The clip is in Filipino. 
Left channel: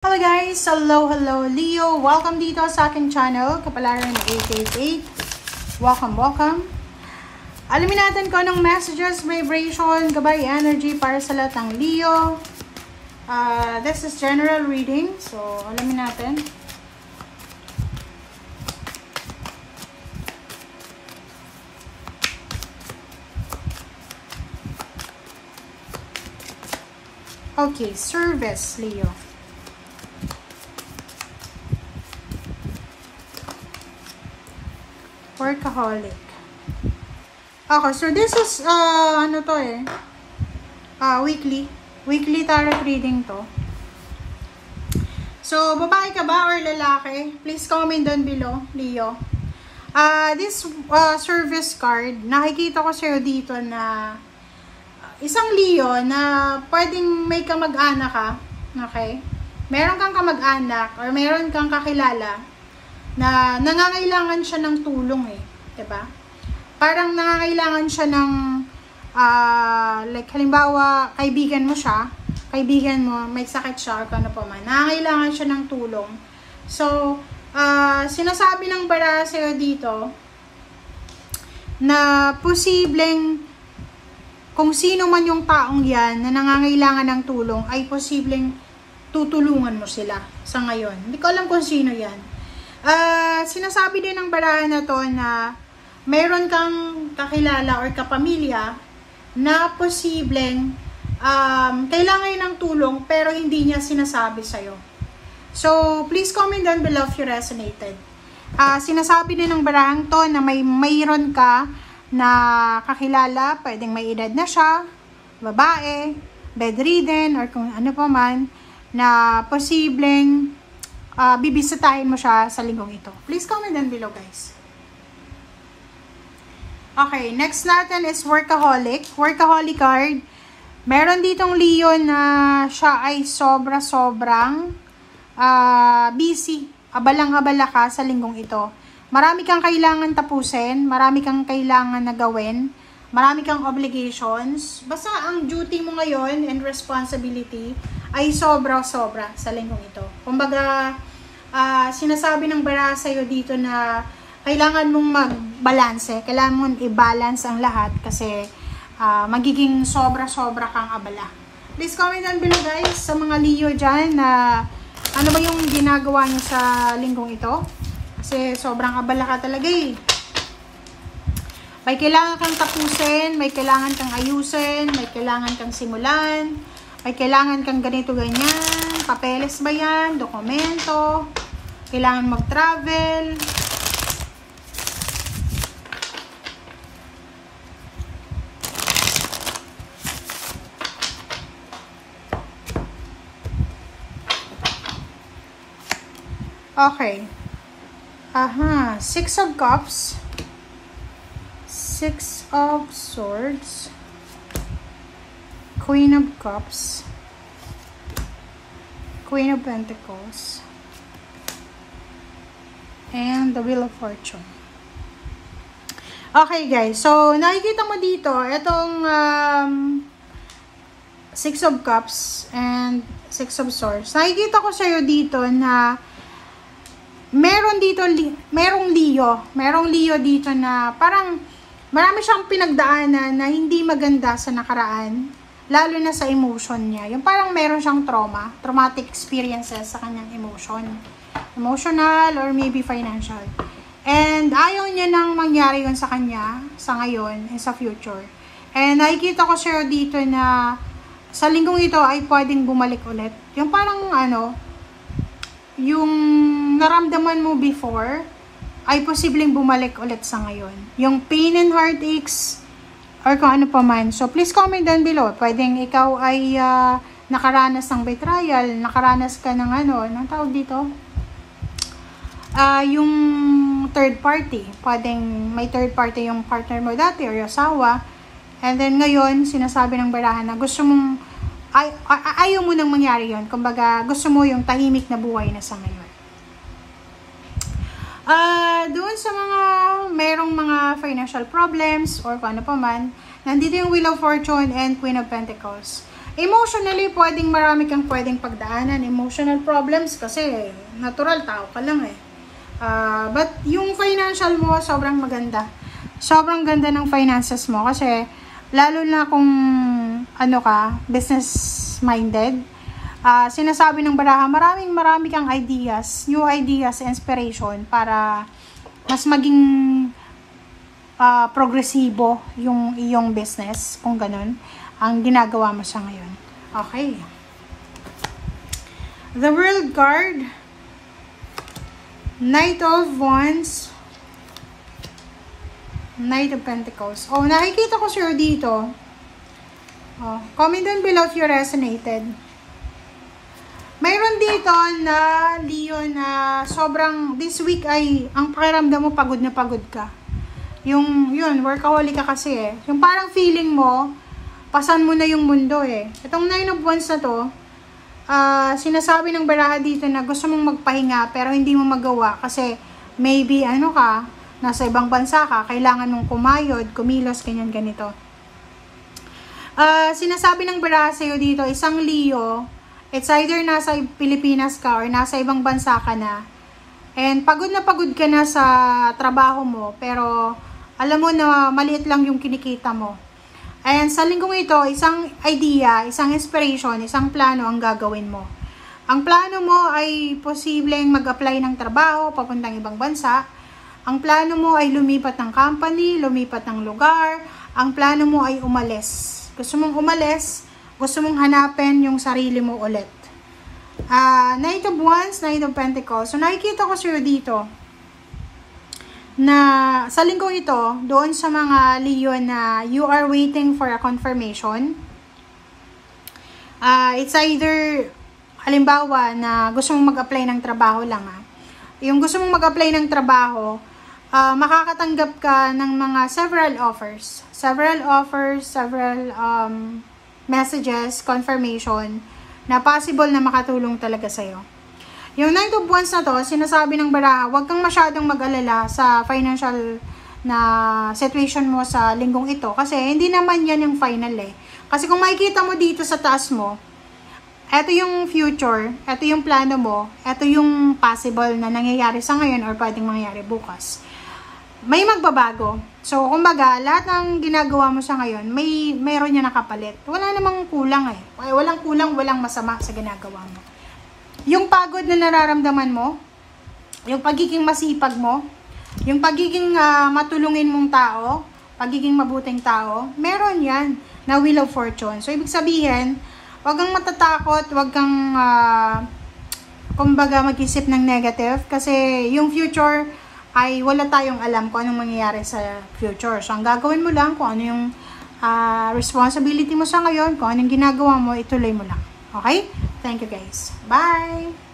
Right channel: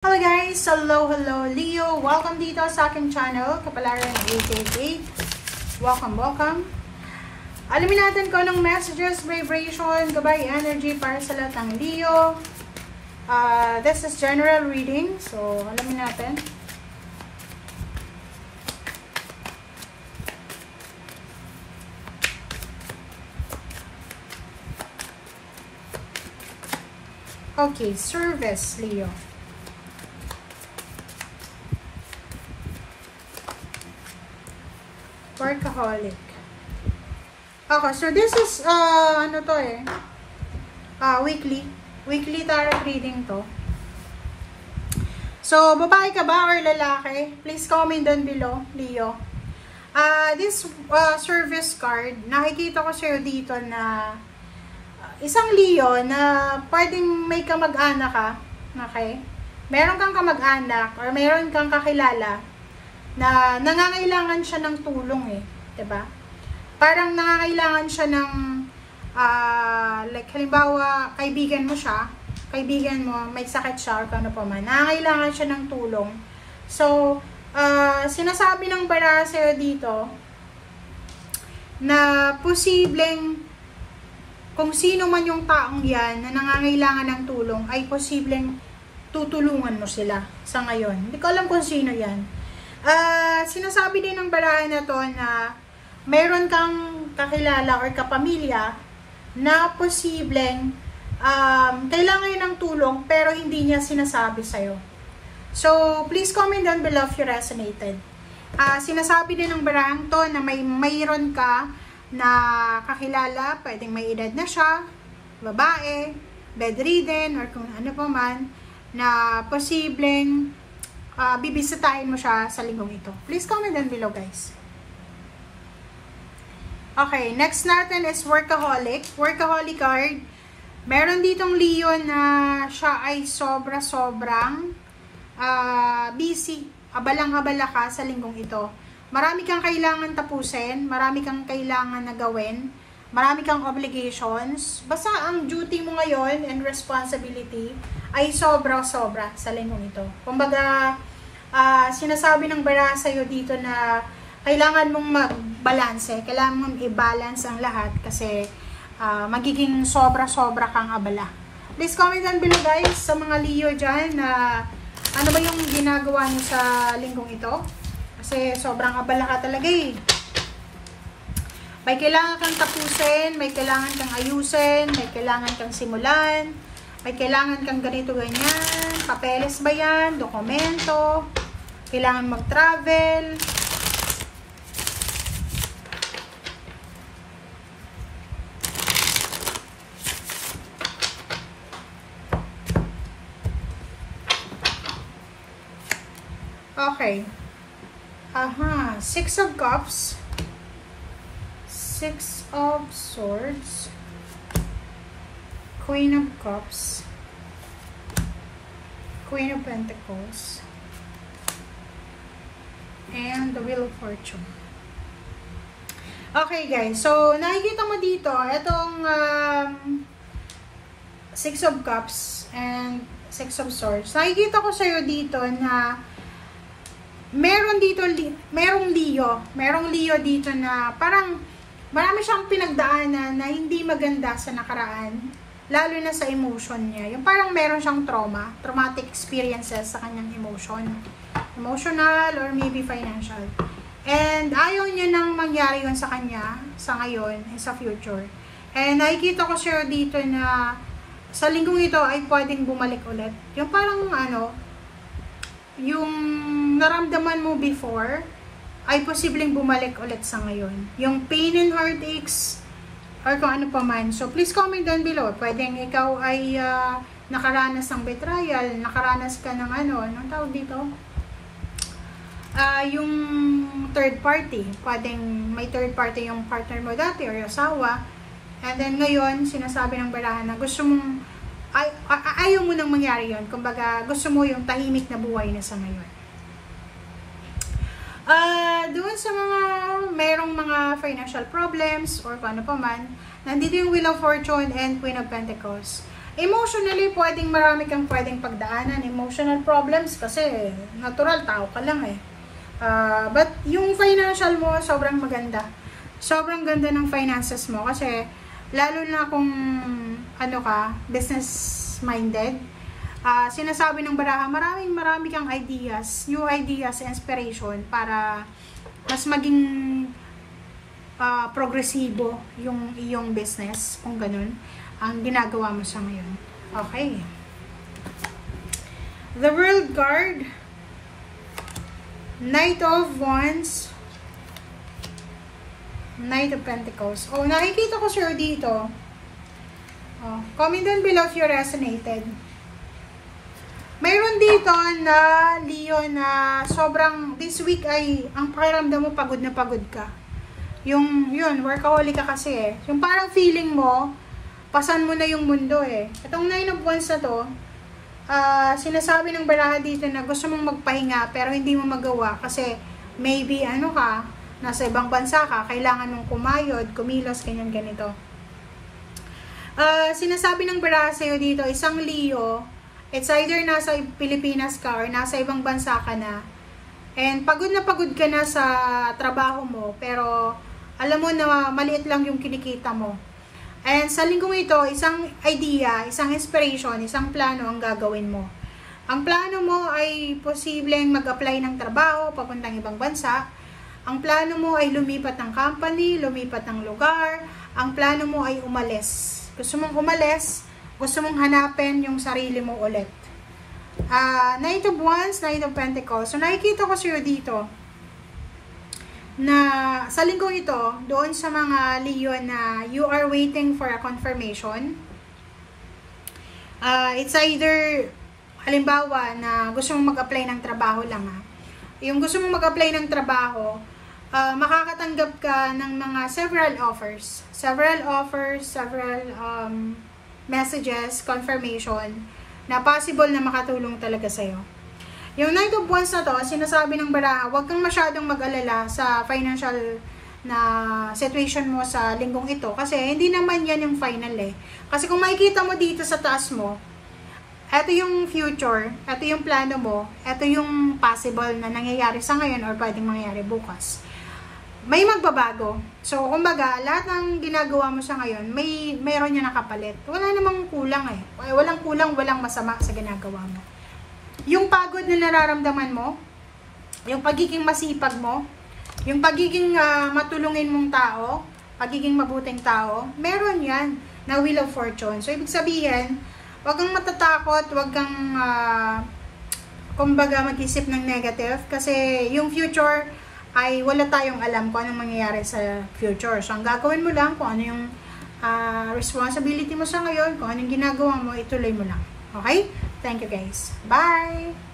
Hello guys! Hello Leo! Welcome dito sa aking channel, Kapalaran 888. Welcome! Alamin natin kung anong messages, vibration, gabay, energy para sa lahat ng Leo. This is general reading, so alamin natin. Okay, service, Leo. Workaholic. Okay, so this is, weekly tarot reading to. So, babae ka ba or lalaki? Please comment down below, Leo. This service card, nakikita ko sa'yo dito na isang Leo na pwedeng may kamag-anak ka, okay? Meron kang kamag-anak or meron kang kakilala na nangangailangan siya ng tulong diba? Parang nangangailangan siya ng like halimbawa kaibigan mo may sakit siya or ano pa man, nangangailangan siya ng tulong. So sinasabi ng baraha sa'yo dito na posibleng kung sino man yung taong yan na nangangailangan ng tulong ay posibleng tutulungan mo sila sa ngayon. Hindi ko alam kung sino yan. Sinasabi din ng baraha na to na meron kang kakilala or kapamilya na posibleng kailangan yun ng tulong pero hindi niya sinasabi sa'yo. So, please comment down below if you resonated. Sinasabi din ng barahang to na mayroon ka na kakilala, pwedeng may edad na siya, babae, bedridden, or kung ano pa man, na posibleng bibisitahin mo siya sa linggong ito. Please comment down below, guys. Okay, next natin is workaholic. Workaholic card. Meron ditong Leo na siya ay sobrang busy. Abalang-abala ka sa linggong ito. Marami kang kailangan tapusin. Marami kang kailangan na gawin. Marami kang obligations. Basta ang duty mo ngayon and responsibility ay sobra-sobra sa linggong ito. Kumbaga, sinasabi ng baraha sa'yo dito na kailangan mong mag-balance. Kailangan mong i-balance ang lahat kasi magiging sobra-sobra kang abala. Please comment down below, guys, sa mga Leo dyan na ano ba yung ginagawa nyo sa linggong ito. Kasi sobrang abala ka talaga May kailangan kang tapusin, may kailangan kang ayusin, may kailangan kang simulan, may kailangan kang ganito ganyan, papeles ba yan, dokumento, kailangan mag-travel. Okay. Six of Cups, Six of Swords, Queen of Cups, Queen of Pentacles, and the Wheel of Fortune. Okay, guys. So, nakikita mo dito, itong Six of Cups and Six of Swords. Nakikita ko sa'yo dito na merong Leo dito na parang marami siyang pinagdaanan na hindi maganda sa nakaraan, lalo na sa emotion niya. Yung parang meron siyang traumatic experiences sa kanyang emotional or maybe financial. And ayaw niya nang mangyari yun sa kanya sa ngayon and sa future. And nakikita ko sa'yo dito na sa linggong ito ay pwedeng bumalik ulit. Yung parang yung naramdaman mo before ay posibleng bumalik ulit sa ngayon. Yung pain and heartaches or kung ano pa man. So, please comment down below. Pwedeng ikaw ay nakaranas ng betrayal, nakaranas ka ng anong tawag dito? Yung third party. Pwedeng may third party yung partner mo dati or yung asawa. And then ngayon, sinasabi ng baraha na gusto mong ayaw mo nang mangyari yun. Kumbaga, gusto mo yung tahimik na buhay na sa ngayon. Doon sa mga merong mga financial problems or kung ano pa man, nandito yung Wheel of Fortune and Queen of Pentacles. Emotionally, marami kang pwedeng pagdaanan. Emotional problems kasi natural, tao ka lang eh. But yung financial mo, sobrang maganda. Sobrang ganda ng finances mo kasi lalo na kung ano ka, business-minded. Sinasabi ng baraha, marami kang ideas, new ideas, inspiration para mas maging progresibo yung iyong business, kung ganun ang ginagawa mo sa ngayon. Okay. The World card, Knight of Wands, Knight of Pentacles. Oh, nakikita ko sure dito. Oh, comment down below if you resonated. Mayroon dito na Leo na sobrang this week ay ang pakiramdam mo pagod na pagod ka. Yun, workaholic ka kasi eh. Yung parang feeling mo, pasan mo na yung mundo eh. Itong 9 of Wands na to, sinasabi ng baraha dito na gusto mong magpahinga pero hindi mo magawa kasi maybe ano ka, nasa ibang bansa ka, kailangan mong kumayod, kumilos, ganyan ganito. Sinasabi ng baraha sa'yo dito, isang Leo, it's either nasa Pilipinas ka or nasa ibang bansa ka na. And pagod na pagod ka na sa trabaho mo, pero alam mo na maliit lang yung kinikita mo. And sa linggong ito, isang idea, isang inspiration, isang plano ang gagawin mo. Ang plano mo ay posibleng mag-apply ng trabaho papuntang ibang bansa. Ang plano mo ay lumipat ng company, lumipat ng lugar. Ang plano mo ay umalis. Gusto mong umalis, gusto mong hanapin yung sarili mo ulit. Knight of Wands, Knight of Pentacles. So nakikita ko sa'yo dito na sa linggong ito, doon sa mga Leo na you are waiting for a confirmation. It's either, halimbawa, na gusto mong mag-apply ng trabaho lang. Yung gusto mong mag-apply ng trabaho, makakatanggap ka ng mga several offers, several messages, confirmation, na possible na makatulong talaga sa'yo. Yung Knight of Wands na to, sinasabi ng baraha, huwag kang masyadong mag-alala sa financial na situation mo sa linggong ito. Kasi hindi naman yan yung final eh. Kasi kung makikita mo dito sa taas mo, eto yung future, eto yung plano mo, eto yung possible na nangyayari sa ngayon or pwedeng mangyayari bukas. May magbabago. So, kumbaga, lahat ng ginagawa mo sa ngayon, mayroon niya nakapalit. Wala namang kulang eh. Walang kulang, walang masama sa ginagawa mo. Yung pagod na nararamdaman mo, yung pagiging masipag mo, yung pagiging matulungin mong tao, pagiging mabuting tao, meron yan na Wheel of Fortune. So, ibig sabihin, wag kang matatakot, wag kang, kumbaga, mag-isip ng negative kasi yung future ay wala tayong alam kung anong mangyayari sa future. So, ang gagawin mo lang, kung ano yung responsibility mo sa ngayon, kung anong ginagawa mo, ituloy mo lang. Okay? Thank you guys. Bye!